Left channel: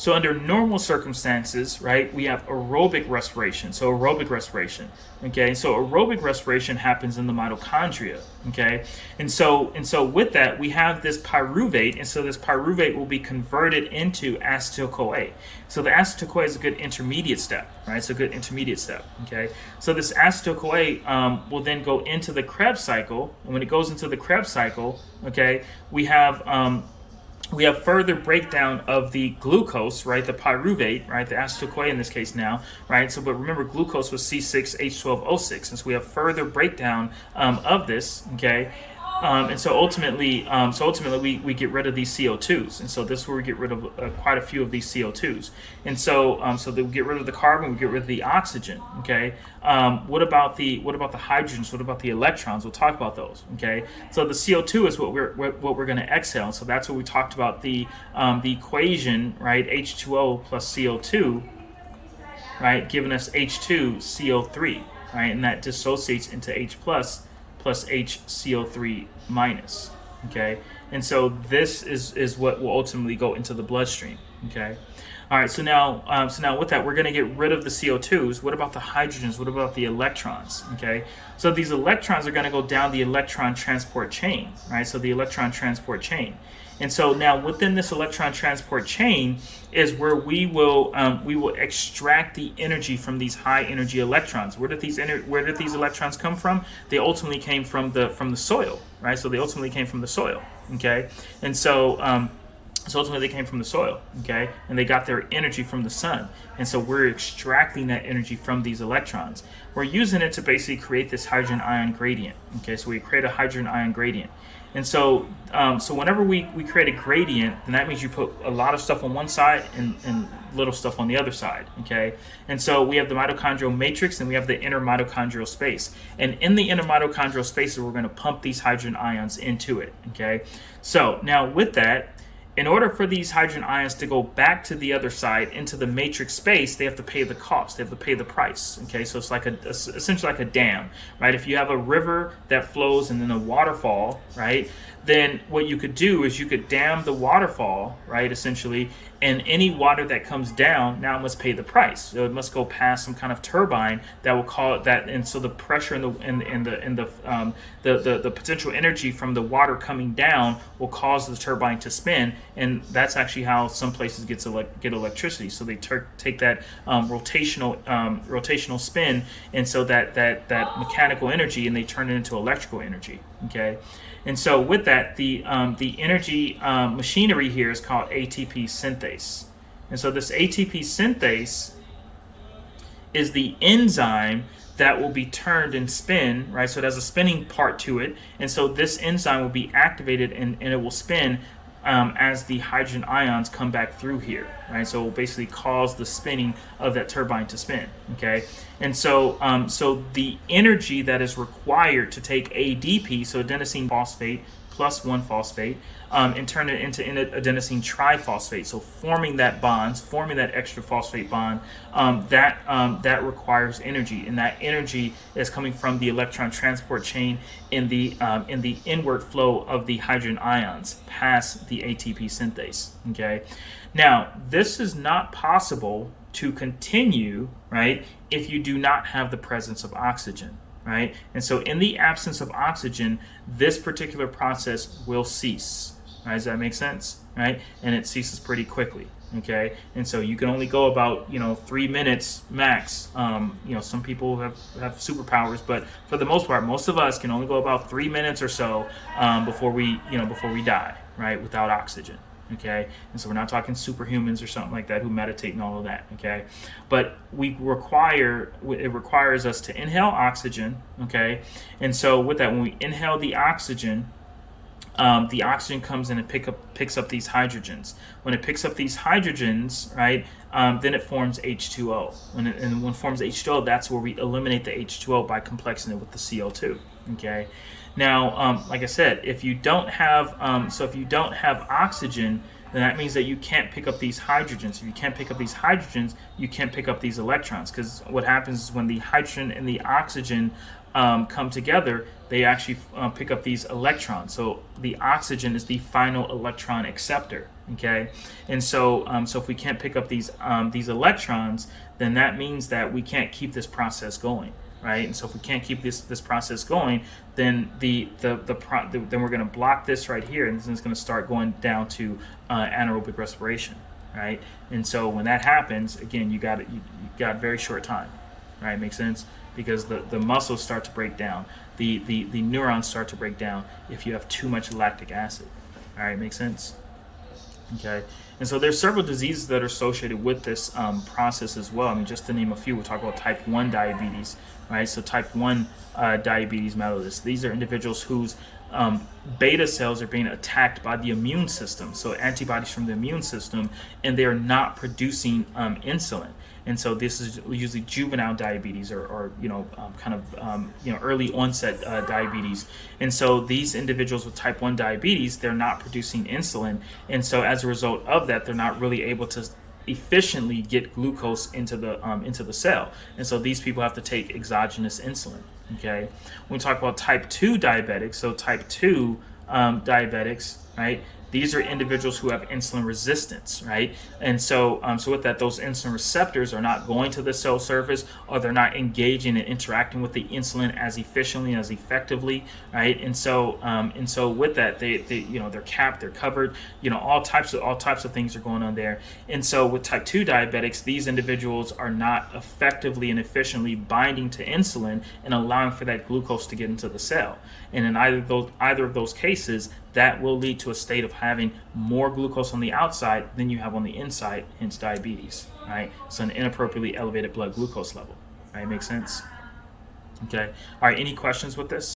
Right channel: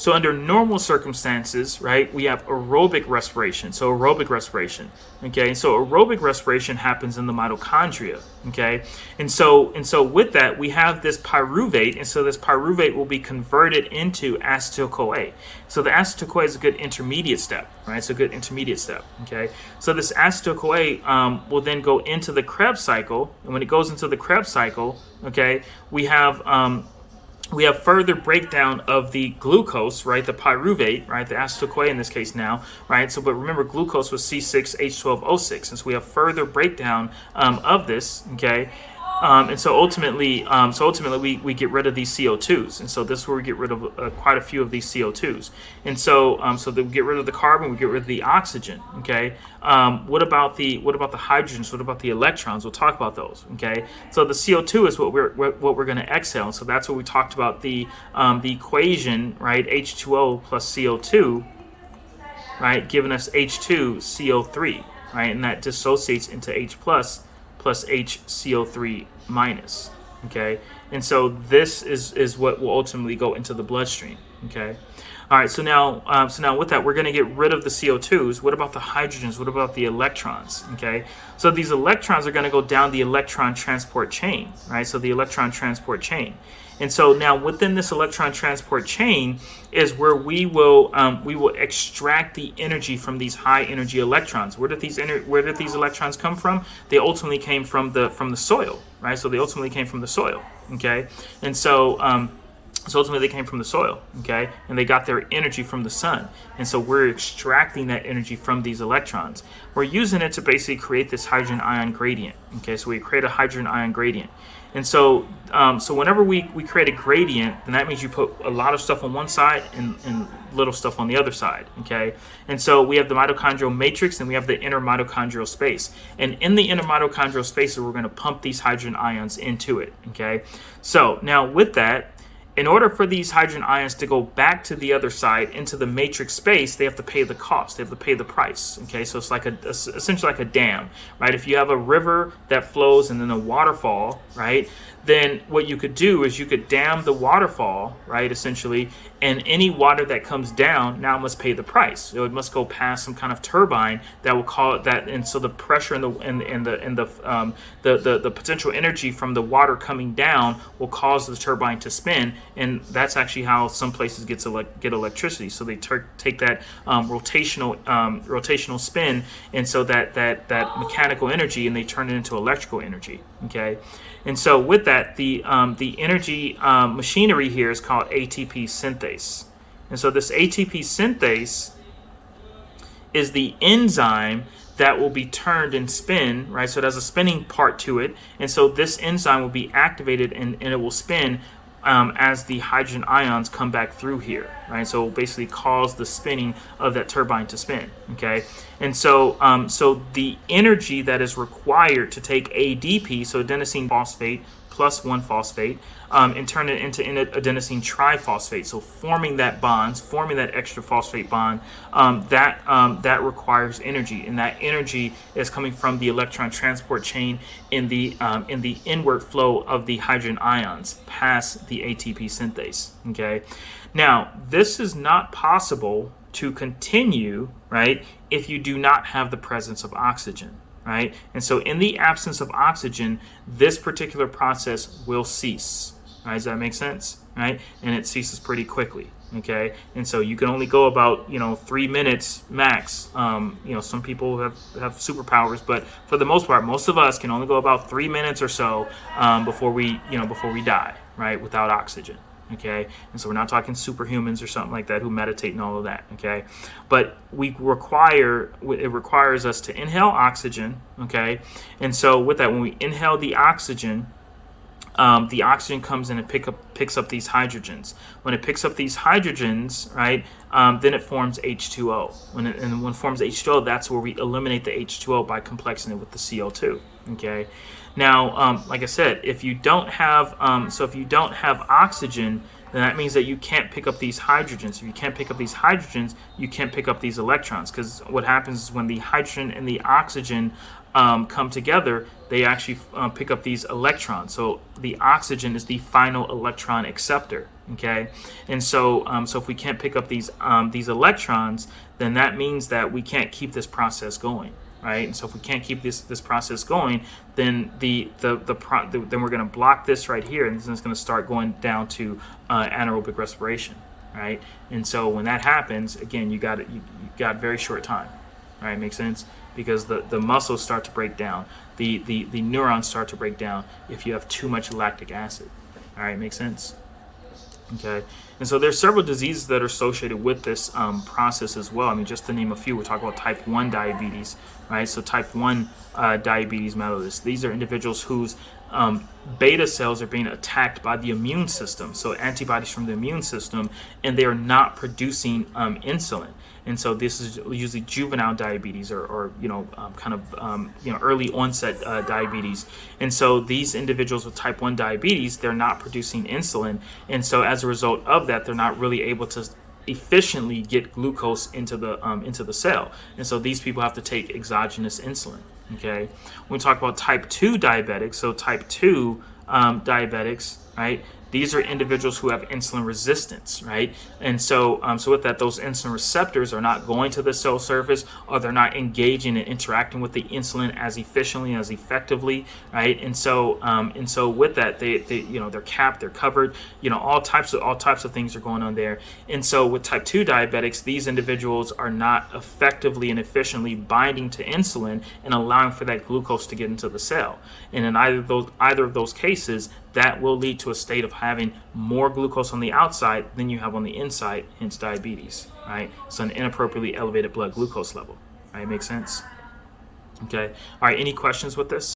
So under normal circumstances, right, we have aerobic respiration. So aerobic respiration, okay? So aerobic respiration happens in the mitochondria, okay? And so with that, we have this pyruvate, and so this pyruvate will be converted into acetyl-CoA. So the acetyl-CoA is a good intermediate step, right? It's a good intermediate step, okay? So this acetyl-CoA will then go into the Krebs cycle, and when it goes into the Krebs cycle, okay, we have further breakdown of the glucose, right? The pyruvate, right? The acetyl-CoA in this case now, right? So, but remember, glucose was C6H12O6, and so we have further breakdown of this, okay? And so ultimately, we get rid of these CO2s, and so this is where we get rid of quite a few of these CO2s. And so we get rid of the carbon, we get rid of the oxygen. Okay. What about the hydrogens? What about the electrons? We'll talk about those. Okay. So the CO2 is what we're going to exhale. So that's what we talked about the equation, right? H2O plus CO2, right, giving us H2CO3, right, and that dissociates into H plus HCO3 minus, okay? And so this is what will ultimately go into the bloodstream, okay? All right, so now with that, we're going to get rid of the CO2s. What about the hydrogens? What about the electrons, okay? So these electrons are going to go down the electron transport chain, right? So the electron transport chain. And so now within this electron transport chain is where we will extract the energy from these high energy electrons. Where did these electrons come from? They ultimately came from the soil, right? So they ultimately came from the soil, okay? And so ultimately they came from the soil, okay? And they got their energy from the sun. And so we're extracting that energy from these electrons. We're using it to basically create this hydrogen ion gradient, okay? So we create a hydrogen ion gradient. And so whenever we create a gradient, then that means you put a lot of stuff on one side and little stuff on the other side, okay? And so we have the mitochondrial matrix and we have the inner mitochondrial space. And in the inner mitochondrial space, we're going to pump these hydrogen ions into it, okay? So now with that, in order for these hydrogen ions to go back to the other side into the matrix space, they have to pay the cost. They have to pay the price. Okay, so it's like essentially like a dam, right? If you have a river that flows and then a waterfall, right? Then what you could do is you could dam the waterfall, right? Essentially, and any water that comes down now must pay the price. So it must go past some kind of turbine that will call it that, and so the pressure and the potential energy from the water coming down will cause the turbine to spin, and that's actually how some places get electricity. So they take that rotational spin, and so that mechanical energy, and they turn it into electrical energy. Okay. And so with that, the energy machinery here is called ATP synthase. And so this ATP synthase is the enzyme that will be turned and spin, right? So it has a spinning part to it. And so this enzyme will be activated and it will spin as the hydrogen ions come back through here, right? So it will basically cause the spinning of that turbine to spin, okay? And so the energy that is required to take ADP, so adenosine phosphate plus 1-phosphate, and turn it into adenosine triphosphate, so forming that extra phosphate bond, that requires energy, and that energy is coming from the electron transport chain in the inward flow of the hydrogen ions past the ATP synthase. Okay, now this is not possible to continue, right, if you do not have the presence of oxygen. Right? And so in the absence of oxygen, this particular process will cease. Right? Does that make sense? Right? And it ceases pretty quickly. Okay? And so you can only go about 3 minutes max. Some people have superpowers, but for the most part, most of us can only go about 3 minutes or so before we die, right? Without oxygen. Okay, and so we're not talking superhumans or something like that who meditate and all of that. Okay, but it requires us to inhale oxygen. Okay, and so with that, when we inhale the oxygen comes in and picks up these hydrogens. When it picks up these hydrogens, right, then it forms H2O. When it forms H2O, that's where we eliminate the H2O by complexing it with the CO2. Okay. Now, like I said, if you don't have oxygen, then that means that you can't pick up these hydrogens. If you can't pick up these hydrogens, you can't pick up these electrons, because what happens is when the hydrogen and the oxygen come together, they actually pick up these electrons. So the oxygen is the final electron acceptor. Okay, and so so if we can't pick up these electrons, then that means that we can't keep this process going, right? And so if we can't keep this process going, then then we're going to block this right here, and then it's going to start going down to anaerobic respiration, right? And so when that happens, again, you got very short time, right? Makes sense? Because the muscles start to break down, the neurons start to break down if you have too much lactic acid. All right, makes sense? Okay, and so there's several diseases that are associated with this process as well. I mean, just to name a few, we'll talk about type 1 diabetes, right? So type 1 diabetes mellitus. These are individuals whose beta cells are being attacked by the immune system, so antibodies from the immune system, and they are not producing insulin. And so this is usually juvenile diabetes or early onset diabetes. And so these individuals with type 1 diabetes, they're not producing insulin. And so as a result of that, they're not really able to efficiently get glucose into the cell. And so these people have to take exogenous insulin. Okay. When we talk about type 2 diabetics, so type 2 diabetics, right? These are individuals who have insulin resistance, right? And so, so with that, those insulin receptors are not going to the cell surface, or they're not engaging and interacting with the insulin as efficiently, as effectively, right? And so with that, they're capped, they're covered, all types of things are going on there. And so with type 2 diabetics, these individuals are not effectively and efficiently binding to insulin and allowing for that glucose to get into the cell. And in either of those cases, that will lead to a state of having more glucose on the outside than you have on the inside, hence diabetes, right? So an inappropriately elevated blood glucose level, right? Makes sense? Okay. All right. Any questions with this?